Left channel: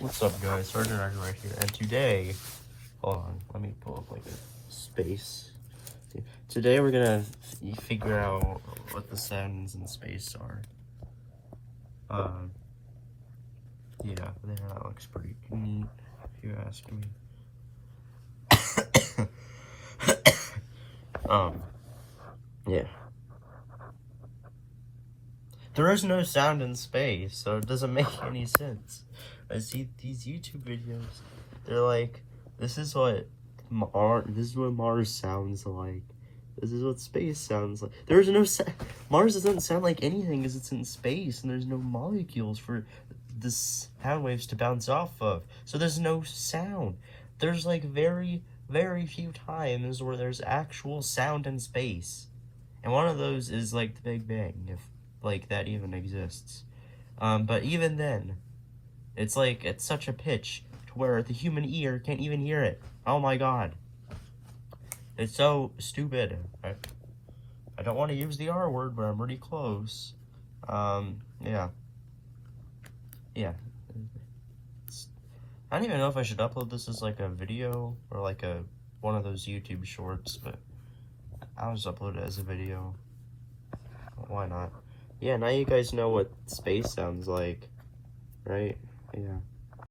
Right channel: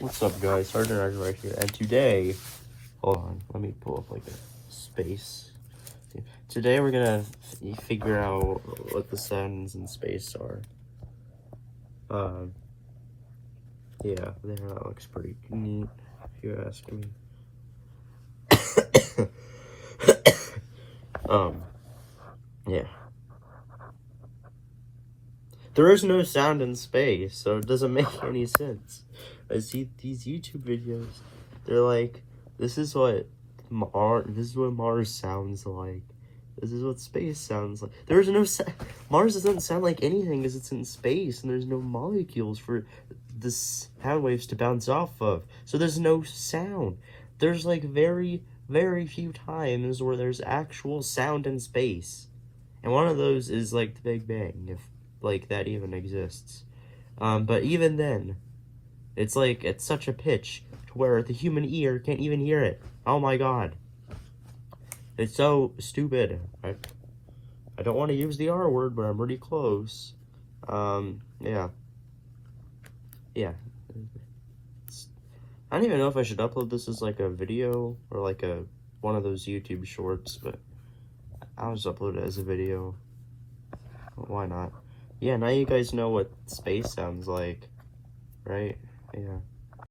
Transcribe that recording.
What's up, guys? Sergeant right here, and today, hold on, let me pull up like a space. Today we're gonna figure out what the sounds in space are. Yeah, that looks pretty neat, if you ask me. Yeah. There is no sound in space, so it doesn't make any sense. I see these YouTube videos. They're like, this is what Mars sounds like. This is what space sounds like. There's no Mars doesn't sound like anything because it's in space and there's no molecules for the sound waves to bounce off of. So there's no sound. There's like very, very few times where there's actual sound in space. And one of those is like the Big Bang, if like that even exists. But even then, it's like at such a pitch to where the human ear can't even hear it. Oh my god. It's so stupid. I don't want to use the R word, but I'm pretty close. Yeah. Yeah. I don't even know if I should upload this as like a video or like one of those YouTube shorts, but I'll just upload it as a video. Why not? Yeah, now you guys know what space sounds like, right? Yeah.